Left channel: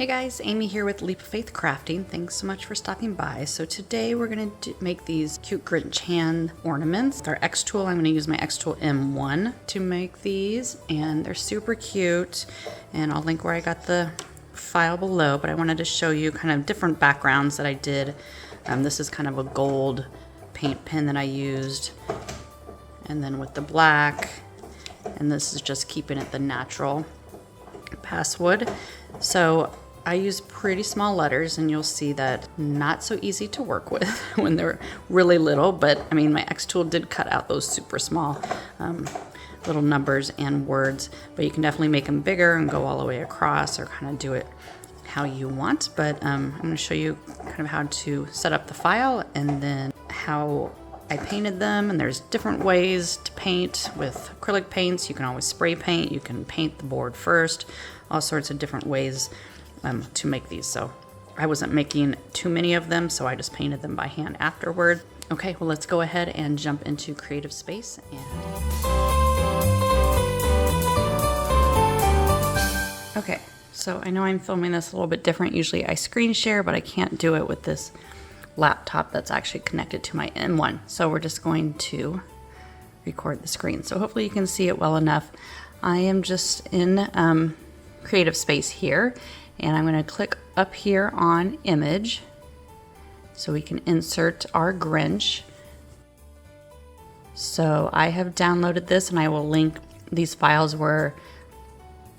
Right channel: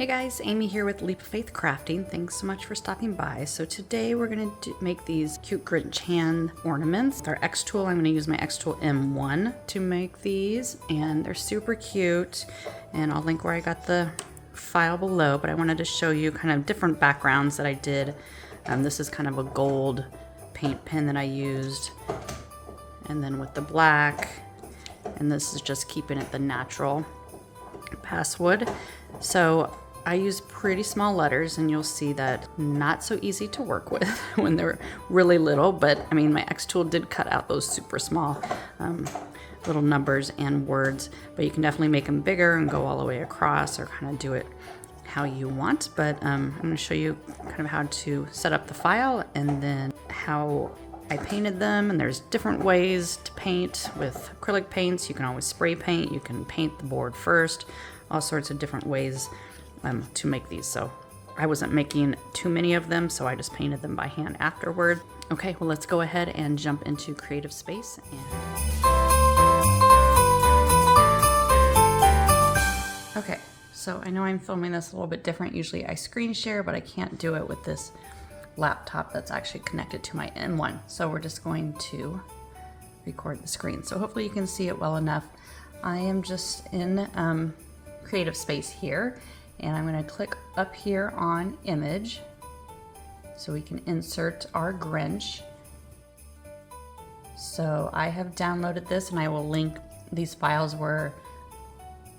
Hey guys, Amy here with Leap of Faith Crafting. Thanks so much for stopping by. So today we're going to make these cute Grinch hand ornaments. With our Xtool, I'm going to use my Xtool M1 to make these, and they're super cute. And I'll link where I got the file below, but I wanted to show you kind of different backgrounds that I did. This is kind of a gold paint pen that I used, and then with the black, and this is just keeping it the natural basswood. So I use pretty small letters, and you'll see that not so easy to work with when they're really little, but I mean, my Xtool did cut out those super small little numbers and words, but you can definitely make them bigger and go all the way across, or kind of do it how you want. But I'm going to show you kind of how to set up the file and then how I painted them. And there's different ways to paint with acrylic paints. You can always spray paint, you can paint the board first, all sorts of different ways to make these. So I wasn't making too many of them, so I just painted them by hand afterward. Okay, well, let's go ahead and jump into Creative Space. Okay, so I know I'm filming this a little bit different. Usually I screen share, but I can't do it with this laptop that's actually connected to my M1. So we're just going to record the screen. So hopefully you can see it well enough. I am just in Creative Space here, and I'm going to click up here on Image so we can insert our Grinch. So I have downloaded this, and I will link these files where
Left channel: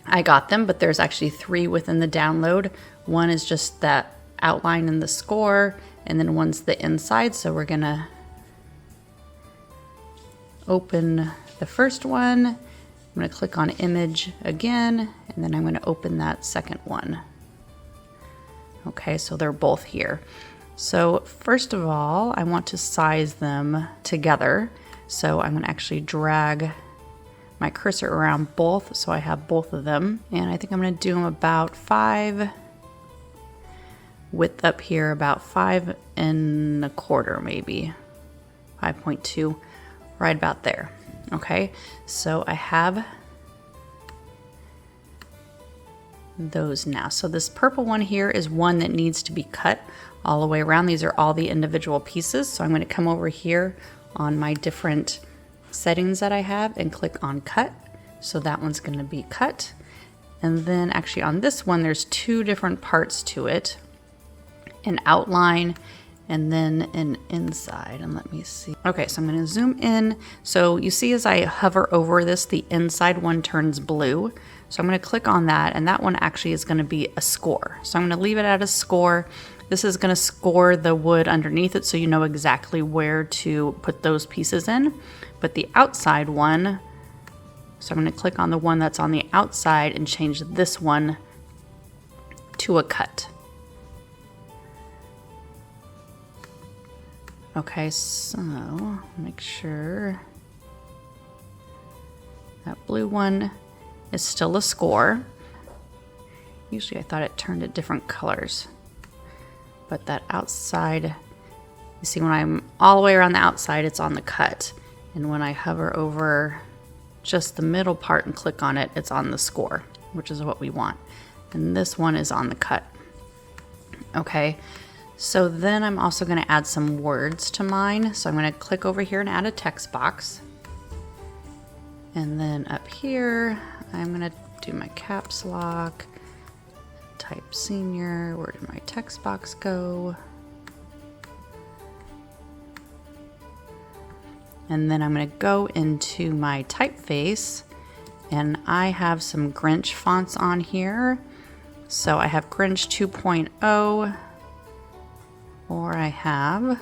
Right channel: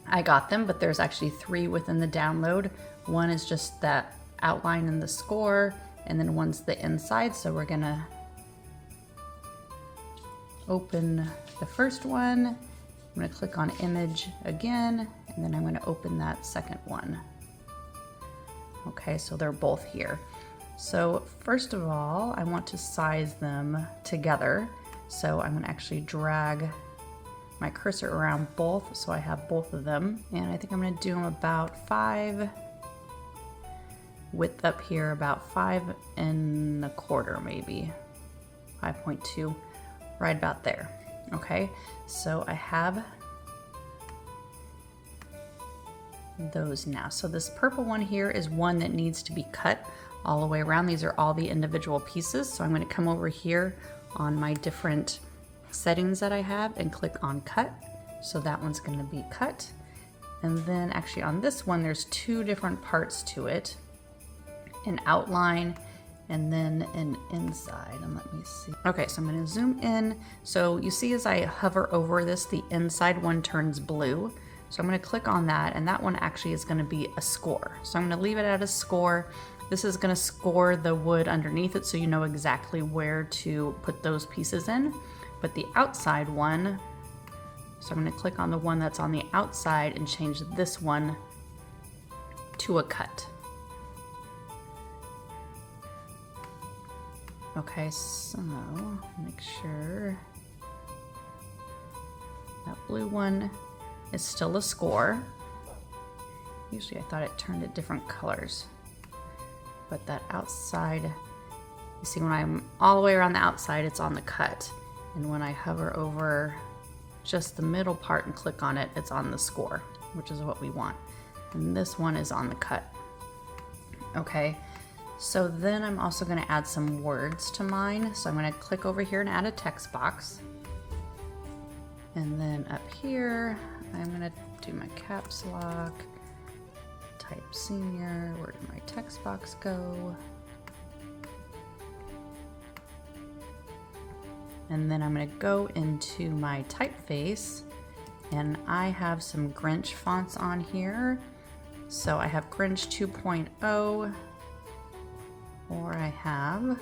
I got them, but there's actually 3 within the download. One is just that outline and the score, and then one's the inside. So we're gonna open the first one. I'm gonna click on Image again, and then I'm gonna open that second one. Okay, so they're both here. So first of all, I want to size them together. So I'm gonna actually drag my cursor around both so I have both of them. And I think I'm gonna do them about 5, width up here about 5 1/4, maybe 5.2, right about there. Okay, so I have those now. So this purple one here is one that needs to be cut all the way around. These are all the individual pieces. So I'm going to come over here on my different settings that I have and click on cut. So that one's going to be cut. And then actually on this one, there's 2 different parts to it. An outline and then an inside. And let me see. Okay, so I'm going to zoom in. So you see as I hover over this, the inside one turns blue. So I'm going to click on that, and that one actually is going to be a score. So I'm going to leave it at a score. This is going to score the wood underneath it, so you know exactly where to put those pieces in. But the outside one, so I'm going to click on the one that's on the outside and change this one to a cut. Okay, so make sure that blue one is still a score. Usually I thought it turned at different colors, but that outside, you see when I'm all the way around the outside, it's on the cut. And when I hover over just the middle part and click on it, it's on the score, which is what we want. And this one is on the cut. Okay, so then I'm also gonna add some words to mine. So I'm gonna click over here and add a text box. And then up here, I'm gonna do my caps lock, type senior. Where did my text box go? And then I'm gonna go into my typeface, and I have some Grinch fonts on here. So I have Grinch 2.0, or I have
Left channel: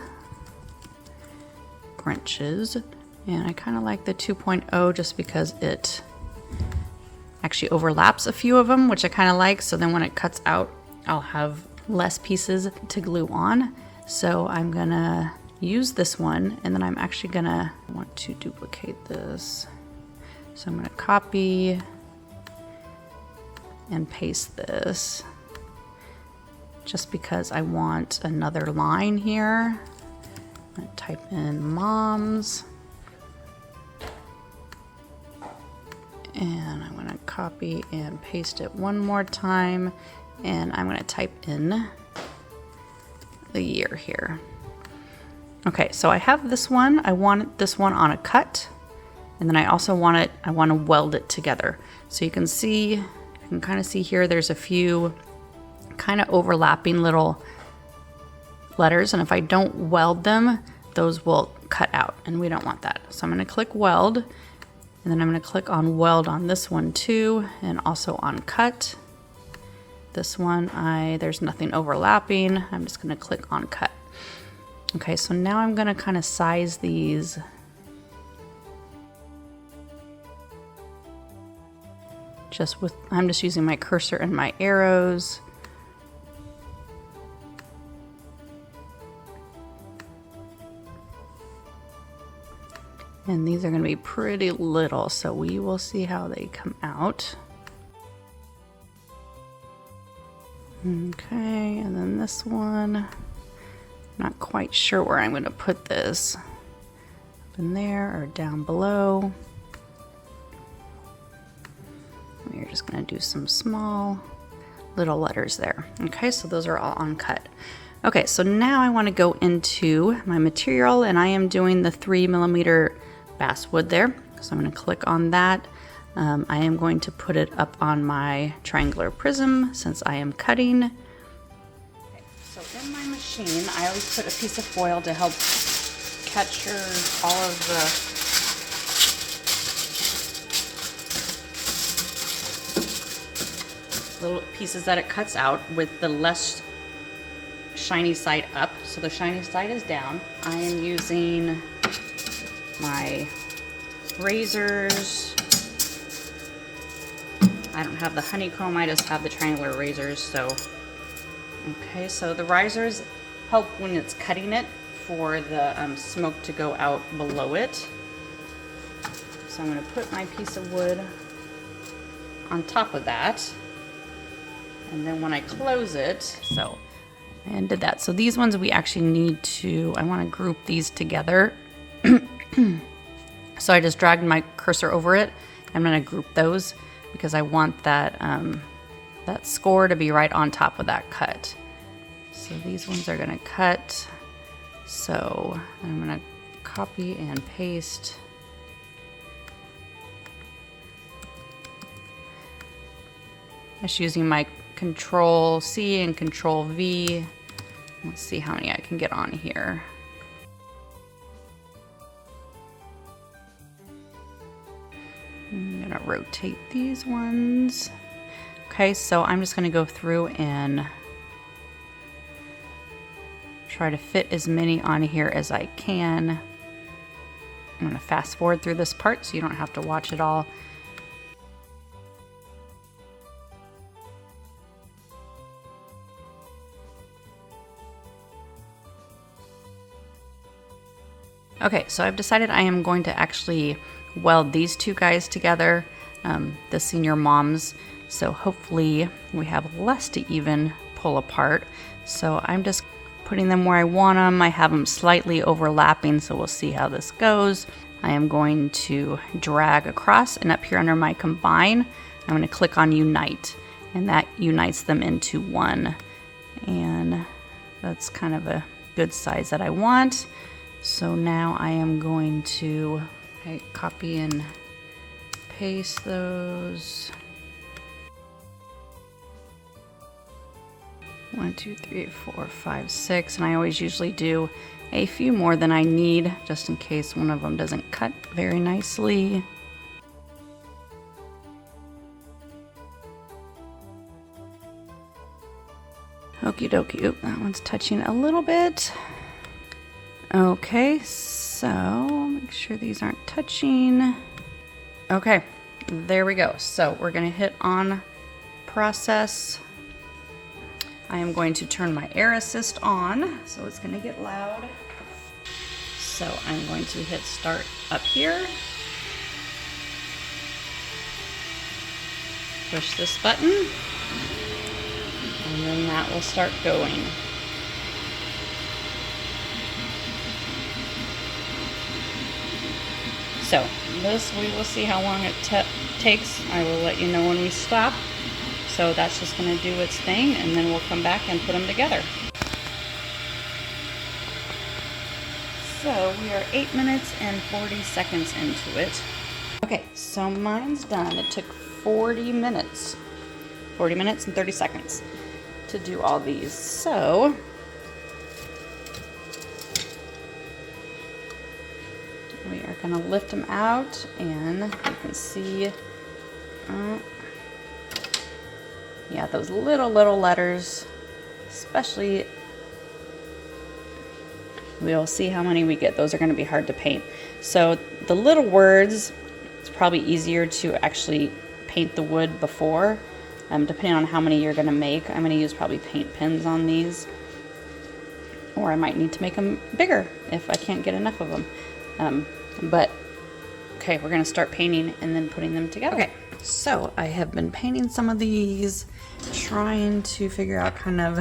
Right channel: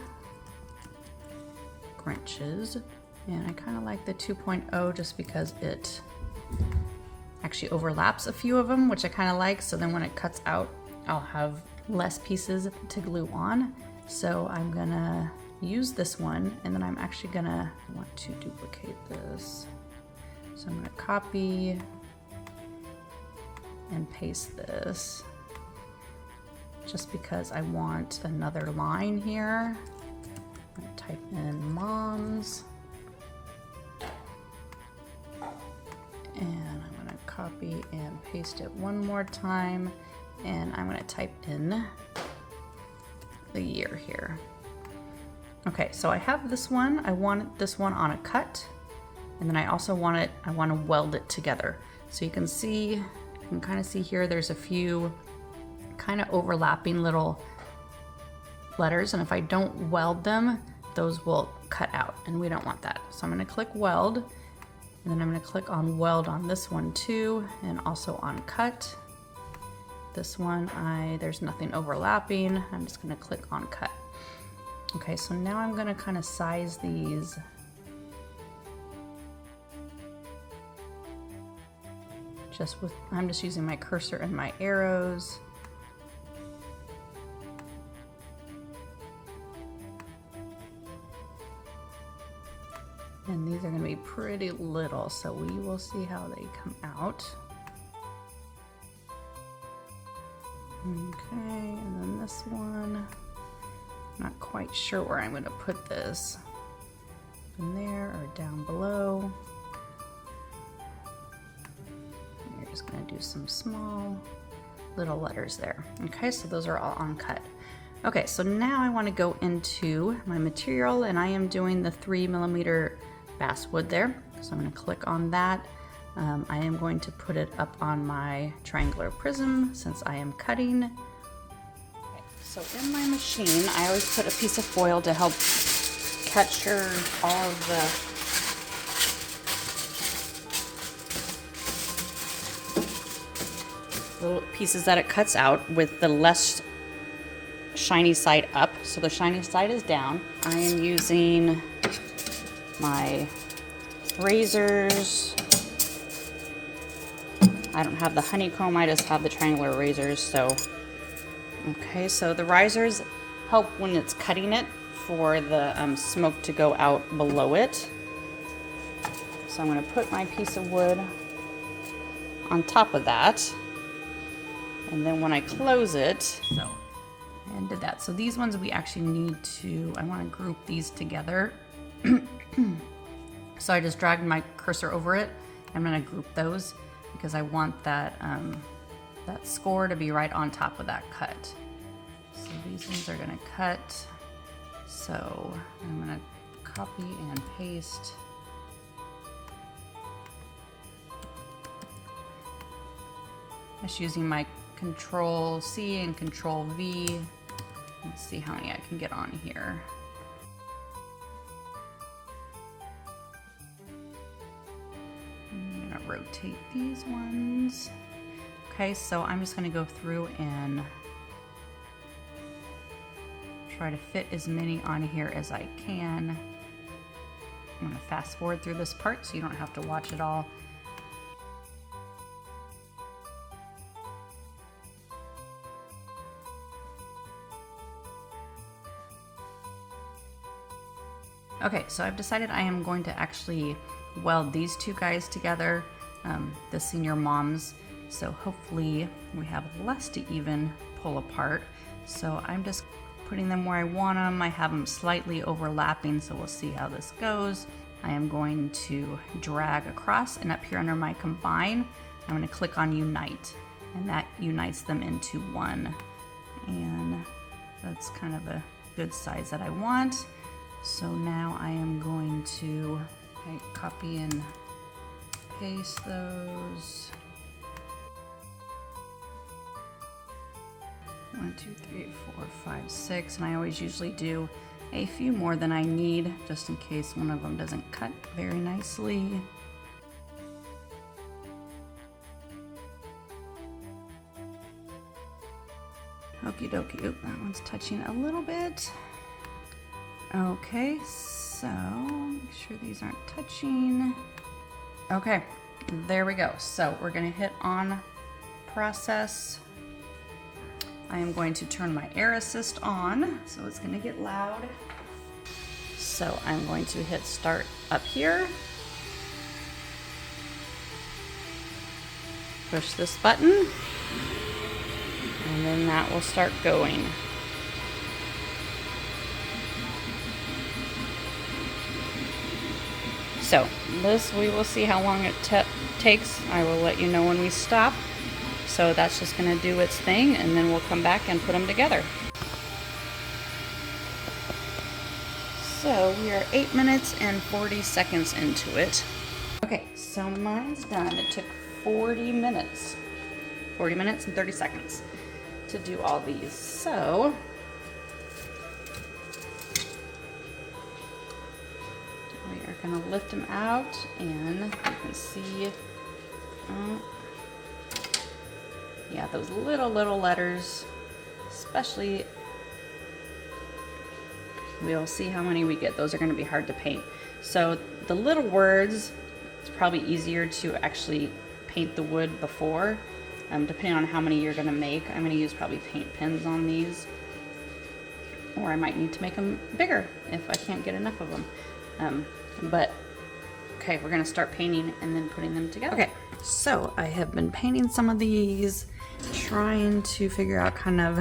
Grinches. And I kind of like the 2.0 just because it actually overlaps a few of them, which I kind of like. So then when it cuts out, I'll have less pieces to glue on. So I'm gonna use this one, and then I'm actually gonna want to duplicate this. So I'm gonna copy and paste this just because I want another line here. I'm gonna type in moms. And I'm going to copy and paste it one more time, And I'm gonna type in the year here. Okay, so I have this one. I want this one on a cut, and then I also want to weld it together. So you can kind of see here, there's a few kind of overlapping little letters, and if I don't weld them, those will cut out, and we don't want that. So I'm gonna click weld, and then I'm gonna click on weld on this one too, and also on cut. This one, there's nothing overlapping. I'm just gonna click on cut. Okay, so now I'm gonna kind of size these. I'm just using my cursor and my arrows. And these are gonna be pretty little, so we will see how they come out. Okay, and then this one, not quite sure where I'm gonna put this. Up in there or down below. We're just gonna do some small little letters there. Okay, so those are all on cut. Okay, so now I wanna go into my material, and I am doing the 3mm basswood there. So I'm gonna click on that. I am going to put it up on my triangular prism since I am cutting. Okay, so in my machine, I always put a piece of foil to help capture all of the little pieces that it cuts out with the less shiny side up. So the shiny side is down. I am using my razors. I don't have the honeycomb, I just have the triangular razors, so. Okay, so the risers help when it's cutting it for the smoke to go out below it. So I'm gonna put my piece of wood on top of that. And then when I close it, so I undid that. So these ones we actually need to, I wanna group these together. So I just dragged my cursor over it. I'm gonna group those because I want that, that score to be right on top of that cut. So these ones are gonna cut. So I'm gonna copy and paste. I'm just using my Control C and Control V. Let's see how many I can get on here. I'm gonna rotate these ones. Okay, so I'm just gonna go through and try to fit as many on here as I can. I'm gonna fast forward through this part so you don't have to watch it all. Okay, so I've decided I am going to actually weld these two guys together, the senior moms. So hopefully we have less to even pull apart. So I'm just putting them where I want them. I have them slightly overlapping, so we'll see how this goes. I am going to drag across, and up here under my combine, I'm going to click on unite, and that unites them into one. And that's kind of a good size that I want. So now I am going to copy and paste those. 1, 2, 3, 4, 5, 6, and I always usually do a few more than I need just in case one of them doesn't cut very nicely. Okie dokie. Oop, that one's touching a little bit. Okay, so make sure these aren't touching. Okay, there we go. So we're gonna hit on process. I am going to turn my air assist on, so it's gonna get loud. So I'm going to hit start up here. Push this button, and then that will start going. So this, we will see how long it takes. I will let you know when we stop. So that's just going to do its thing, and then we'll come back and put them together. So we are 8 minutes and 40 seconds into it. Okay, so mine's done. It took 40 minutes and 30 seconds to do all these. So we are going to lift them out, and you can see, yeah, those little letters, especially, we'll see how many we get. Those are going to be hard to paint. So the little words, it's probably easier to actually paint the wood before, depending on how many you're going to make. I'm going to use probably paint pens on these, or I might need to make them bigger if I can't get enough of them. But okay, we're going to start painting and then putting them together. Okay, so I have been painting some of these, trying to figure out kind of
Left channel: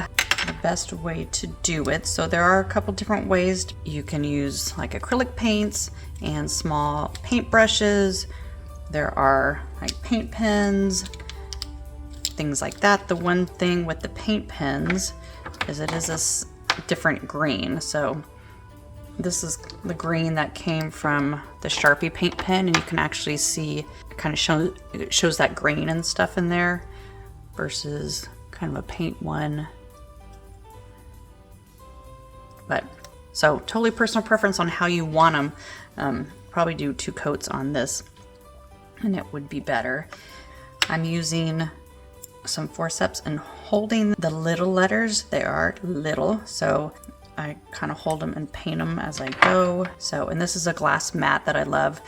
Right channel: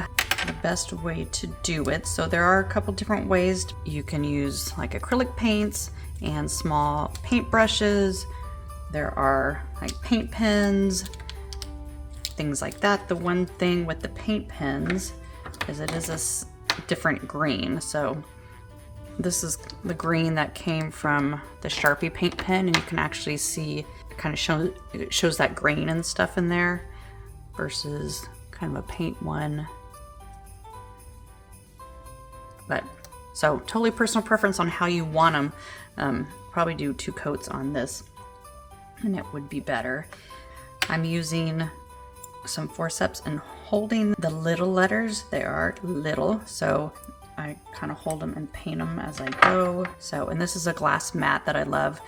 the best way to do it. So there are a couple different ways. You can use like acrylic paints and small paint brushes. There are like paint pens, things like that. The one thing with the paint pens is it is a different green. So this is the green that came from the Sharpie paint pen, and you can actually see it shows that green and stuff in there versus kind of a paint one. But so totally personal preference on how you want them. Probably do 2 coats on this and it would be better. I'm using some forceps and holding the little letters. They are little, so I kind of hold them and paint them as I go. So, and this is a glass mat that I love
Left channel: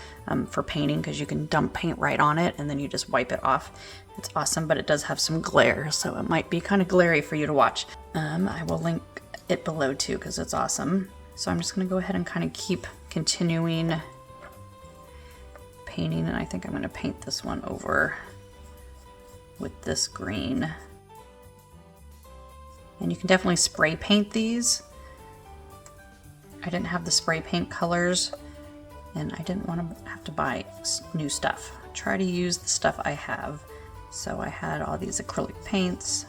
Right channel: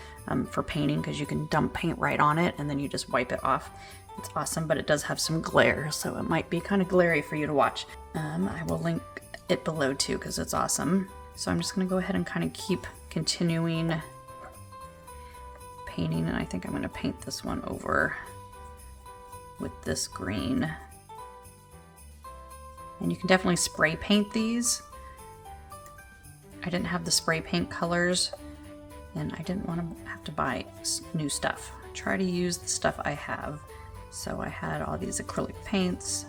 for painting, because you can dump paint right on it and then you just wipe it off. It's awesome, but it does have some glare, so it might be kind of glary for you to watch. I will link it below too, because it's awesome. So I'm just going to go ahead and kind of keep continuing painting, and I think I'm going to paint this one over with this green. And you can definitely spray paint these. I didn't have the spray paint colors, and I didn't want to have to buy new stuff. Try to use the stuff I have. So I had all these acrylic paints.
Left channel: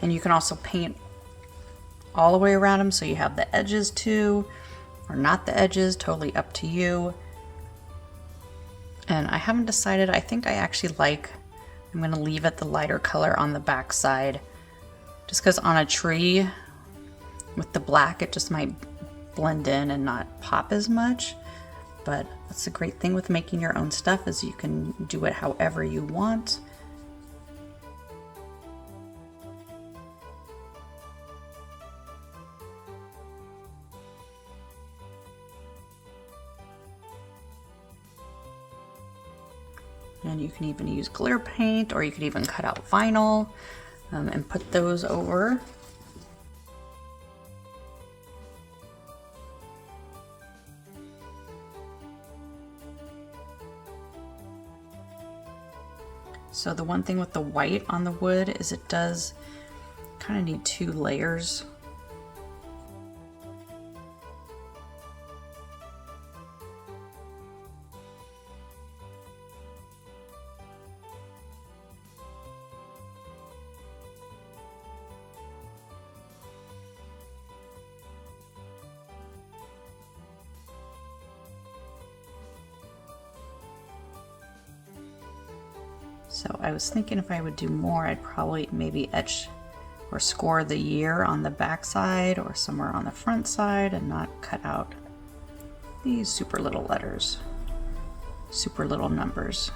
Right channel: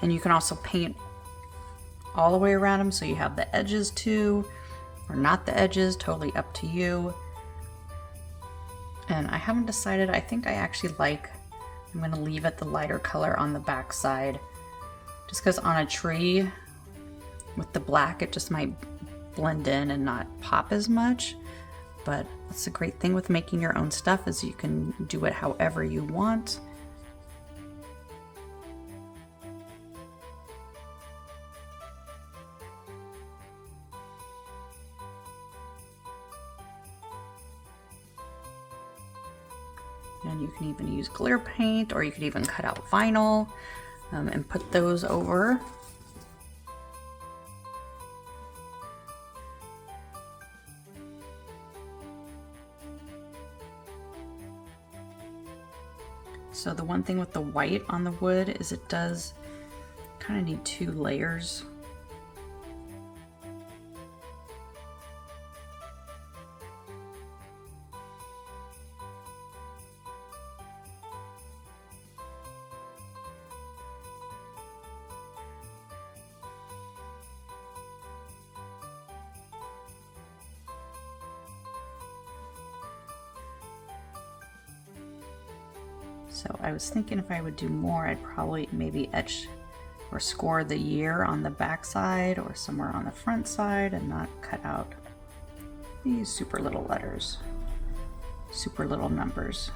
And you can also paint all the way around them, so you have the edges too, or not the edges, totally up to you. And I haven't decided. I think I actually I'm going to leave it the lighter color on the back side, just because on a tree with the black it just might blend in and not pop as much. But that's the great thing with making your own stuff, is you can do it however you want. And you can even use glitter paint, or you could even cut out vinyl and put those over. So the one thing with the white on the wood is it does kind of need 2 layers. So I was thinking if I would do more, I'd probably maybe etch or score the year on the back side or somewhere on the front side, and not cut out these super little letters, super little numbers.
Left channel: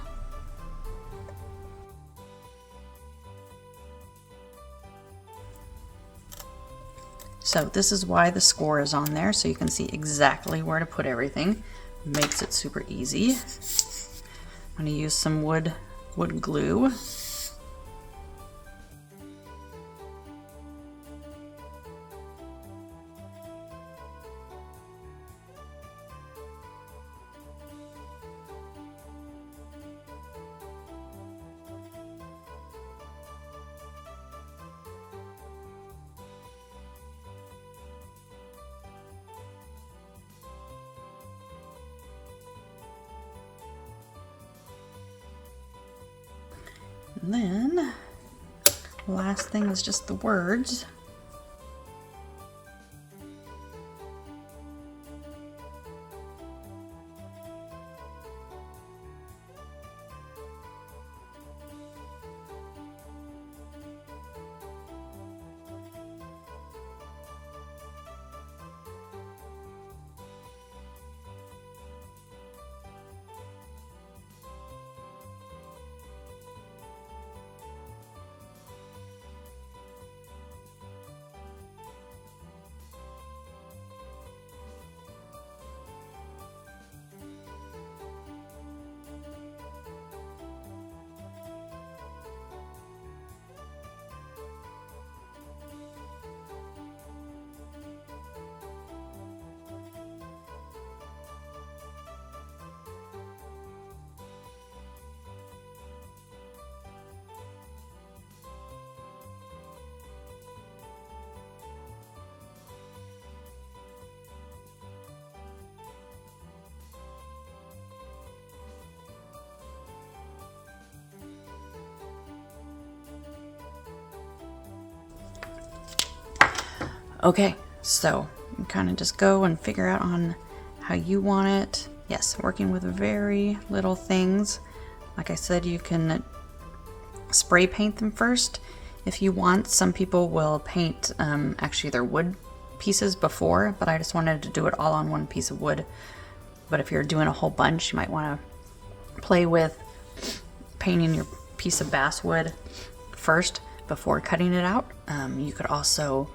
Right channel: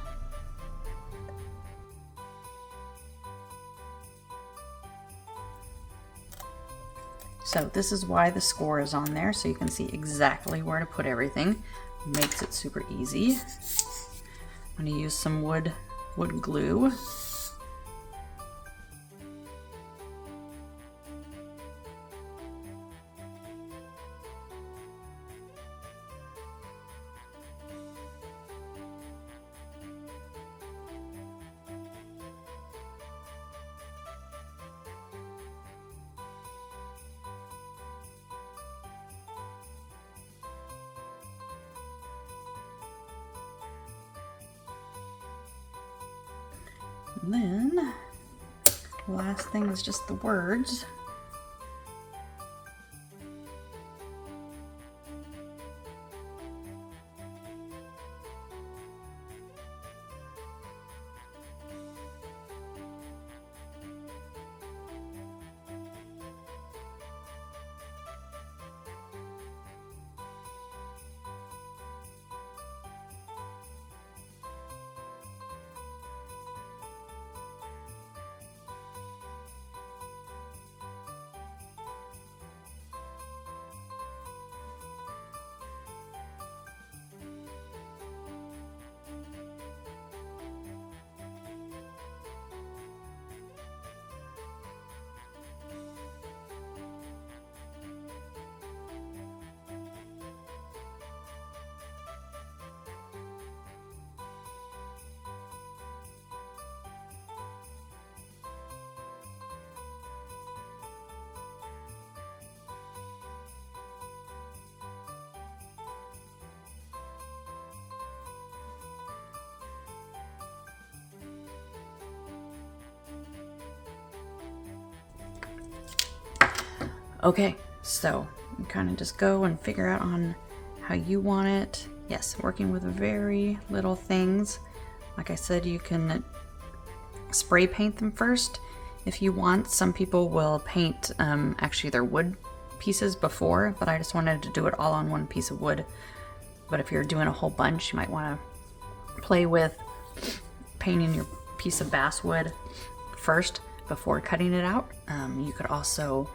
So this is why the score is on there, so you can see exactly where to put everything. Makes it super easy. I'm going to use some wood glue. And then last thing is just the words. Okay, so you kind of just go and figure out on how you want it. Yes, working with very little things. Like I said, you can spray paint them first if you want. Some people will paint actually their wood pieces before, but I just wanted to do it all on one piece of wood. But if you're doing a whole bunch, you might want to play with painting your piece of basswood first before cutting it out. You could also,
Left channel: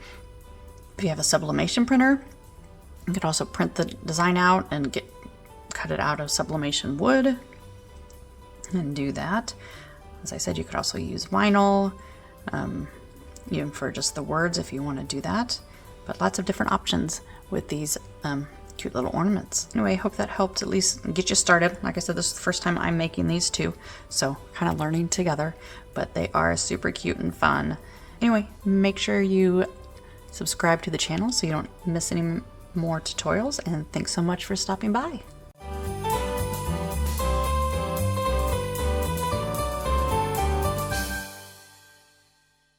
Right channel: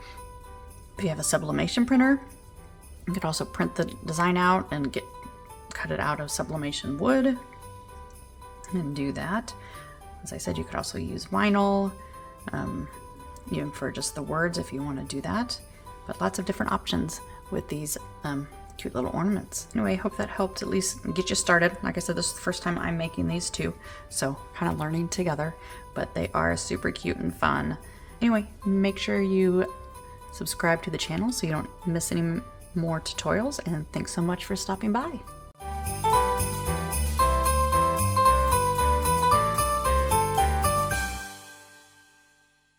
if you have a sublimation printer, you could also print the design out and cut it out of sublimation wood and do that. As I said, you could also use vinyl, even for just the words if you want to do that. But lots of different options with these cute little ornaments. Anyway, I hope that helped at least get you started. Like I said, this is the first time I'm making these too, so kind of learning together, but they are super cute and fun. Anyway, make sure you subscribe to the channel so you don't miss any more tutorials, and thanks so much for stopping by.